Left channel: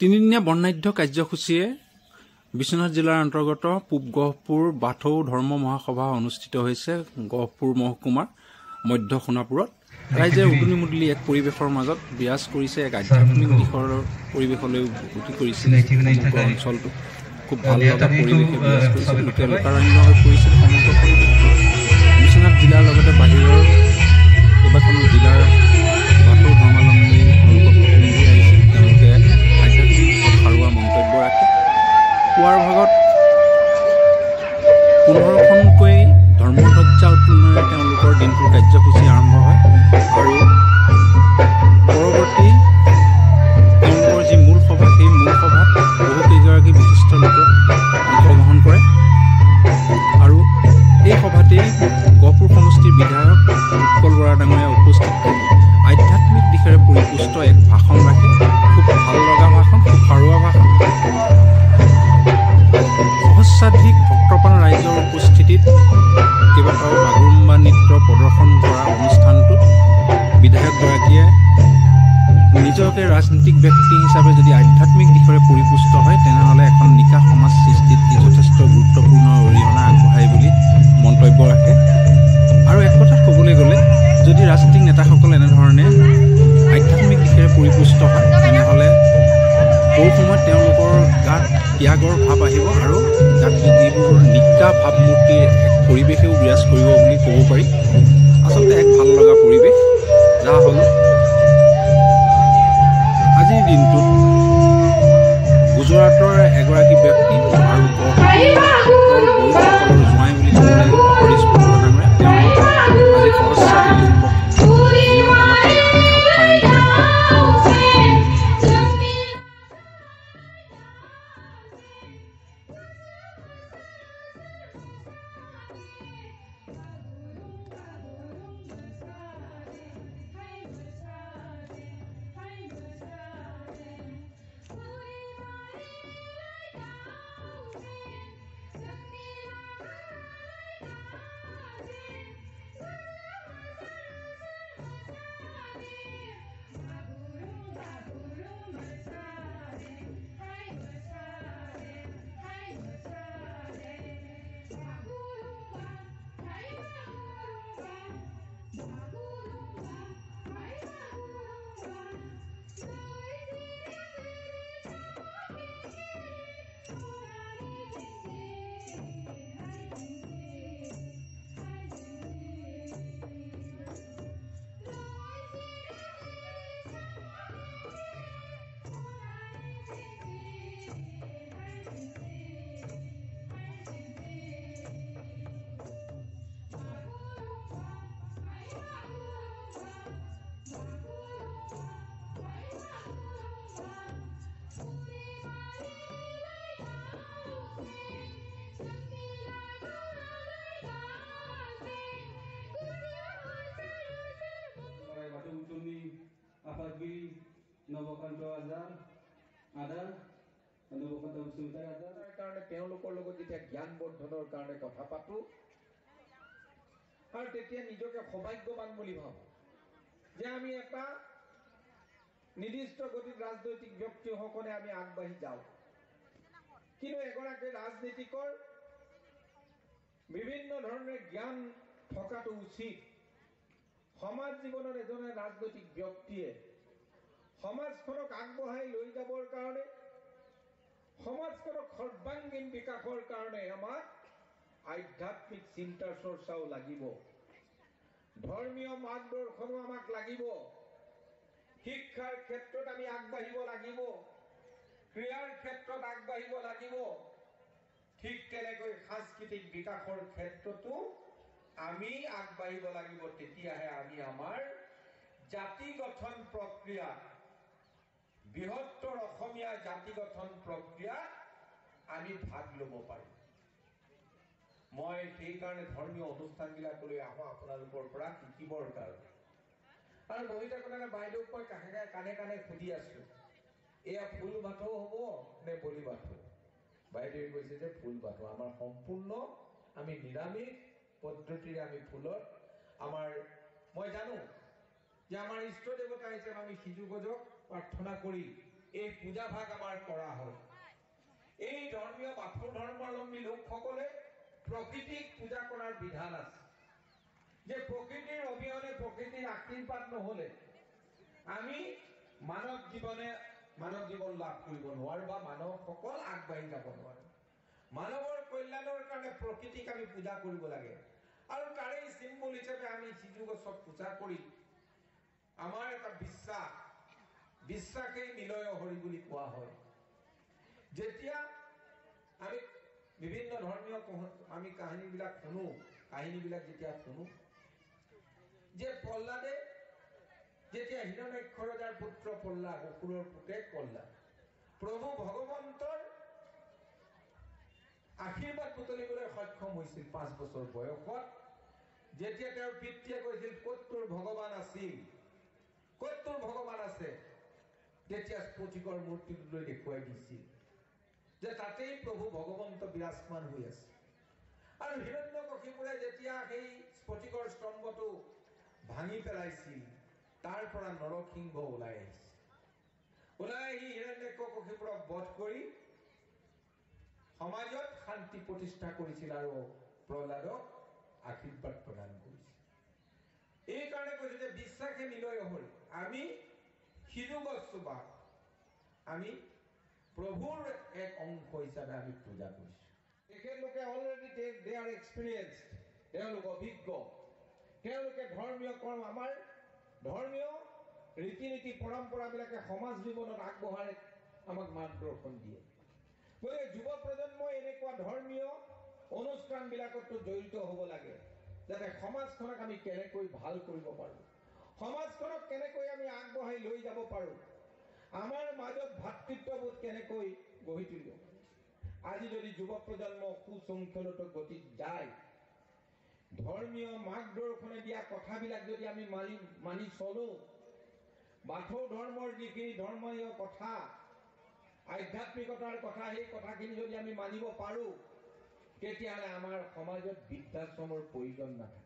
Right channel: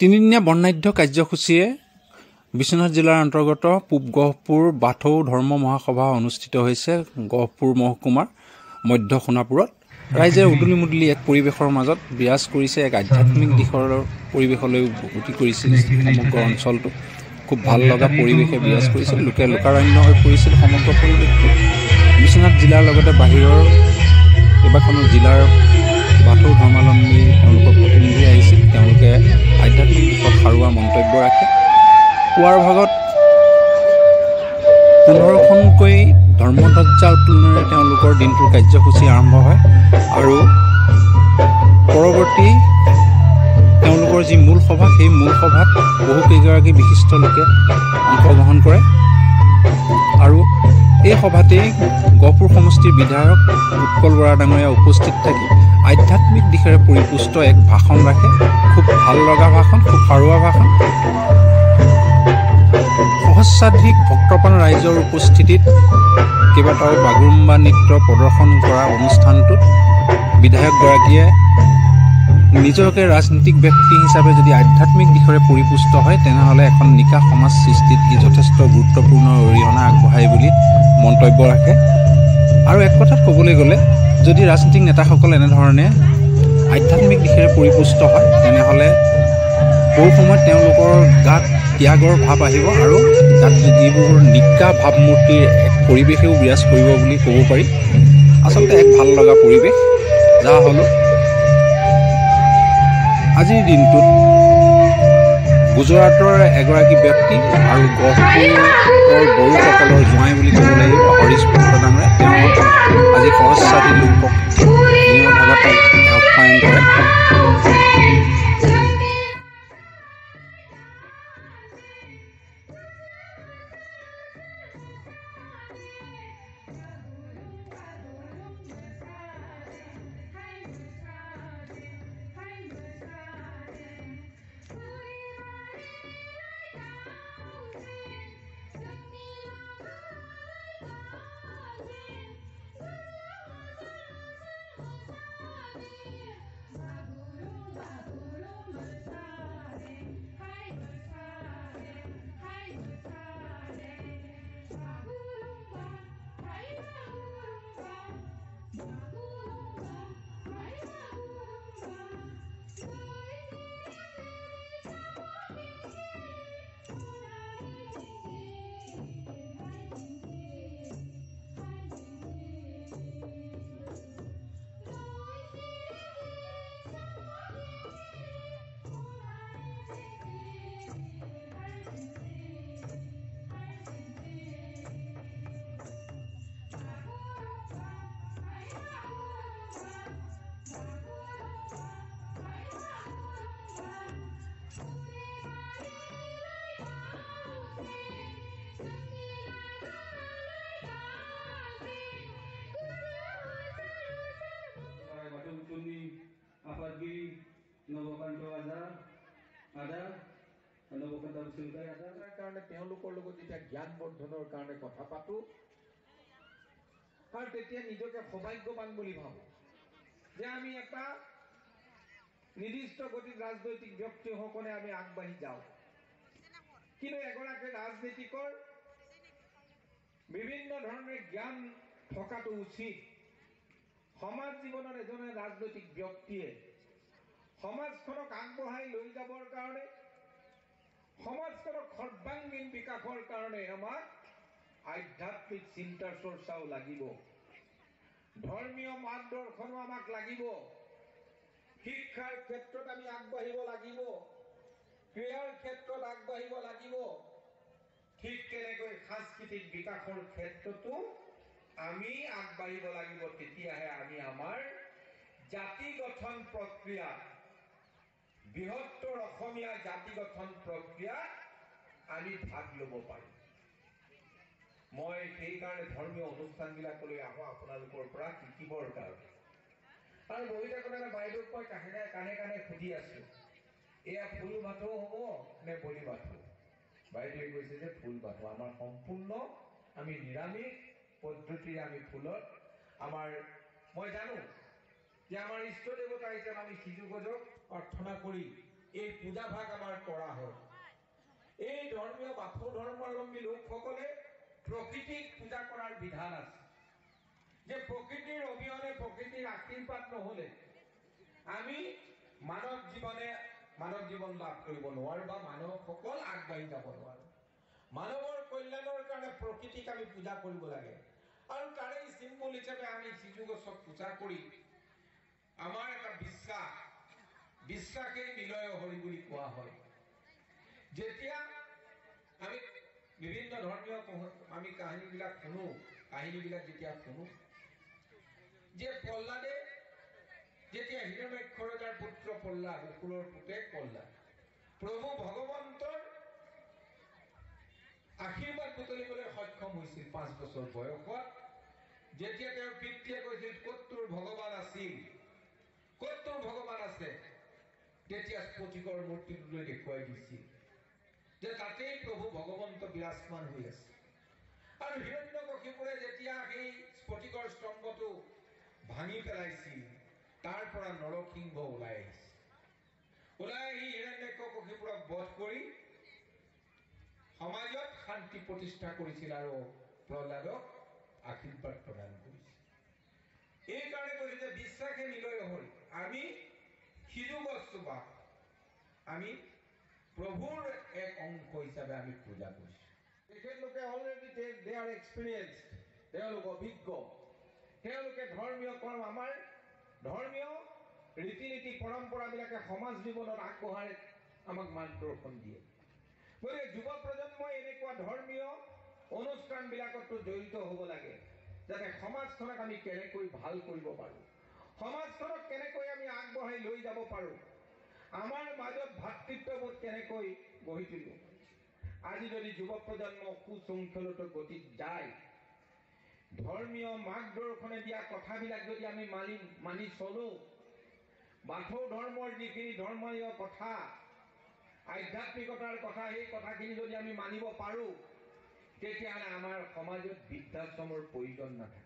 তিনিদিনীয়া বৰ্ণাঢ্য কাৰ্যসূচীয়ে বিশ্বনাথ জিলাৰ অন্তৰ্গত পূব গহপুৰ বাথৌ ধৰ্ম মহাসভা অনুষ্ঠিত হৈছে গহপুৰ মহকুমাৰ মধ্য সোণাপুৰত। ৰাইজে উদুলি মুদুলি এক পৰিৱেশৰ মাজত বিৰাজ কৰিছে, এক আধ্যাত্মিক দিশৰ পৰিৱেশলৈ গতি কৰিছিল সমগ্ৰ অঞ্চলটো। খুব ভাল লগা পৰিৱেশে বিৰাজ কৰিছিল, লোকে লোকাৰণ্য হৈ পৰিছিল সমগ্ৰ পৰিৱেশটো। বিশ্বনাথ জিলাৰ লগতে বাহিৰৰ কেইবাখনো জিলাৰ বাথৌ ধৰ্মাৱলম্বী তেওঁলোকৰ প্ৰতিনিধি আহিছিল। তেওঁলোকে আধ্যাত্মিক দিশত সাৰুৱা মন্তব্য ৰাখে। পুৱাৰ ভাগত 15খনকৈ ধৰ্মধ্বজা উত্তোলনেৰে তেওঁলোকৰ দিনটোৰ কাৰ্যসূচী আৰম্ভ হয় আৰু পৰৱৰ্তী তেওঁলোকৰ যি মূল সভা, সেই মূল সভাত বহুকেইগৰাকী বিশিষ্ট লোকে অংশগ্ৰহণ কৰে আৰু এই সভাতেই গহপুৰ সমষ্টিৰ বিধায়ক উৎপল বৰা ডাঙৰীয়া উপস্থিত থাকি আধ্যাত্মিক দিশেৰে পৰিপুষ্ট এক ভাষণ ৰাখে। খুব ভাল লগা ভাষণ, খুব সাৰুৱা ভাষণ। সহস্ৰাধিক ভক্তপ্ৰাণ ৰাইজৰ উপস্থিতিত কেইবাটাও বাগৰুম্বা নৃত্য প্ৰদৰ্শন কৰা অনুষ্ঠানটোত বিধায়কগৰাকীয়ে নিজকে ৰাজনীতিক ব্যক্তি হিচাপে যদি আধ্যাত্মিক দিশৰে পৰিপুষ্ট হয়, তেনেহ'লে এখন নিকা সমাজ সৃষ্টিত ই যথেষ্ট গুৰুত্বপূৰ্ণ অৰিহণা আগবঢ়ায় বুলি মন্তব্য ৰাখে। আৰু এক কথাত ক'বলৈ গ'লে, যদি ৰাজনীতিক নেতাসকল এনেধৰণে আধ্যাত্মিক দিশেৰে পৰিপুষ্ট হয়, তেনেহ'লে বহু সময়ত তেওঁলোকৰ গাত ত্যাগৰ ভাৱ আহিব আৰু গাত যিবোৰ নিকা ভাৱমূৰ্তিৰ এক পৰিৱেশেও বিৰাজ কৰিব বুলি ক'ব পাৰি। আচলতে এক ভাল লগা পৰিৱেশ। যাৰ হ'ল আজিৰ দিনটোত গুজৰাটৰ এগৰাকী ব্যক্তি আৰু গহপুৰৰ বড়োসকলৰ জোঁৱাই বুলি ক'ব লাগিব হৰিশ পুত্ৰ ডাঙৰীয়া, তেওঁলোক আজি সহস্ৰাধিক লোকক নিয়ৰ ভাগত আপ্যায়ন কৰে। তেওঁলোকৰ লগত যেতিয়া জ্ঞান বৰ্ধনৰ কাৰণে কথা পাতো আৰু তেতিয়া নিজকে সৌভাগ্যৱান বুলি ভাবো যে আমি এটা নিৰ্দিষ্ট গতিত ৰাজনৈতিক ব্যক্তিসকলে আমি আগবাঢ়ি যাওঁ। কিন্তু এগৰাকী ৰাজনীতিকৰ বিভিন্ন ধৰণে জ্ঞান থকাটো উচিত। সমাজ জীৱনত এজন ৰাজনৈতিক ব্যক্তিয়ে সমাজখনক আগবঢ়াই লৈ যাবৰ কাৰণে, সমাজখনক সৰ্বাংগীন বিকাশৰ কাৰণে আমাক আধ্যাত্মিক চিন্তাৰ চৰ্চাও লাগিব, ধৰ্মীয় মাৰ্গদৰ্শনো আমাক লাগিব, শিক্ষাৰ ক্ষেত্ৰত আমি আগবাঢ়িব লাগিব, ক্ৰীড়াৰ ক্ষেত্ৰত আগবাঢ়িব লাগিব, ঠিক তেনেকৈ সাংস্কৃতিক বিকাশৰ ক্ষেত্ৰতো আমি আগবাঢ়িব লাগিব। তেতিয়াহে আমি আমাৰ জাতি গঠন প্ৰক্ৰিয়াত, বৃহত্তৰ অসমীয়া জাতি গঠন প্ৰক্ৰিয়াত আমি ভাগ ল'ব পাৰিম। মই সেইকাৰণে ধৰ্মীয় অনুষ্ঠানবিলাকলৈ আহোঁ আপোনালোকৰ পৰা শিকিবৰ কাৰণে। আৰু বহি থাকোঁতে বাইদেউক মই কাণে কাণে সুধি আছোঁ, এয়া ফুল বাথৌ হ'ব নে বলি বাথৌ? বাইদেৱে কৈছে যে ফুল বাথৌ। আমাৰ সম্পূৰ্ণ আমি নিৰামিষ পদ্ধতিৰে আমি ফুলত আমাৰ, মই জানো যে আমাৰ ইষ্ট দেৱতা হিচাপে আমি সিজু গজক প্ৰাৰ্থনা কৰি এই পূজাভাগ আমাৰ কৰা হয়। এই ধৰ্মীয় বাথৌ ধৰ্মাৱলম্বী লোকসকলে প্ৰকৃতিক পূজা কৰাৰ বিধান আছে, যে প্ৰকৃতিৰ অবিহনে, প্ৰকৃতিৰ আশীৰ্বাদ নহলে আমি মানৱ জীৱন লাভ কৰিব নোৱাৰো বা মানৱসকল আগবাঢ়ি যাব নোৱাৰো। মানৱৰ কল্যাণৰ কাৰণে প্ৰকৃতিক আমি পূজা কৰিব লাগে, আৰু তাৰে চিম্বল হিচাপে আমি সিজু গছক পূজা কৰি আমাৰ এটা বিশ্বাসেই নিলয় হৰি বুলি কোৱা হয়। যেতিয়া আমি বিভিন্ন ধৰ্মীয় আমি কাহিনীবিলাক যেতিয়া শুনো, যে প্ৰহ্লাদে যেতিয়া হিৰণ্যাক্ষৰ ৰজাৰ পুত্ৰ প্ৰহ্লাদ, অসুৰৰ পুতেক প্ৰহ্লাদ, প্ৰভু ভগৱন্তৰ আশীৰ্বাদ বুটলিবলৈ সক্ষম হৈছিল 5 বছৰ বয়সত, যেতিয়া তেওঁৰ পিতৃয়ে কৈছিল ক'ত তোৰ ভগৱান আছিল, ক'ত তোৰ ভগৱান আছে, তেতিয়া স্ফটিকৰ মূৰ্তিটোলৈ দেখুৱাই দিছিল যে তাতেই প্ৰভু ভগৱন্ত বিৰাজমান হৈ আছে। আৰু হিৰণ্যকশিপুৰে যেতিয়া সেই স্ফটিকৰ স্তম্ভটো ভাঙি পেলাইছিল, তাৰ পৰা নৰসিংহ ওলাই আহিছিল। ওলাই আহি হিৰণ্যকশিপুৰক বধ কৰি সমাজত শান্তি প্ৰতিষ্ঠা কৰিছিল আৰু প্ৰহ্লাদক আশীৰ্বাদ প্ৰদান কৰিছিল। এই কাৰণে কৈছে যে বিশ্বাসে নিলয় হৰি। আমি সিজু গছজোপা আমি প্ৰভুৰ এক অংশ হিচাপে আমি পূজা কৰিছো। তেখেতলোকে অলৰেডি দে আৰ এক্সপিৰিয়েঞ্চড, তেওঁলোক অভিজ্ঞ, তেওঁলোকে ধৰ্মীয় কৰ্ম, আমাৰ ধৰ্মীয় ৰীতি নীতি পৰম্পৰাবিলাকে সমাজ জীৱনত আগবঢ়াই আমাক মাৰ্গদৰ্শন দিয়ে। গতিকে যুৱ প্ৰজন্মই এনেকুৱা ধৰ্মীয় অনুষ্ঠানবিলাকতো জড়িত হ'ব লাগে, যাতে সমাজখনক আমি কেনেকৈ ভাল কৰিব পাৰোঁ, সমাজখনক কেনেকৈ আমি আগবঢ়াই লৈ যাব পাৰোঁ, আমাৰ মাজত ভাতৃত্ববোধ কেনেকৈ গঢ়ি তুলিব পাৰোঁ। আজি যদি যুৱ প্ৰজন্ম সুশৃংখলিত গতিত যায়, ধৰ্মীয় মাৰ্গদৰ্শনে দিয়া কথাবিলাক যদি আমি মানি চলো, বাথৌ ধৰ্মৰ যিখিনি ধৰ্মীয় কথা, আধ্যাত্মিকতাৰ কথা, সেই কথাখিনি যদি আমি মানিব পাৰোঁ, তেতিয়াহ'লে আমাৰ সমাজত বৃদ্ধাশ্ৰমৰ প্ৰয়োজন নাথাকে।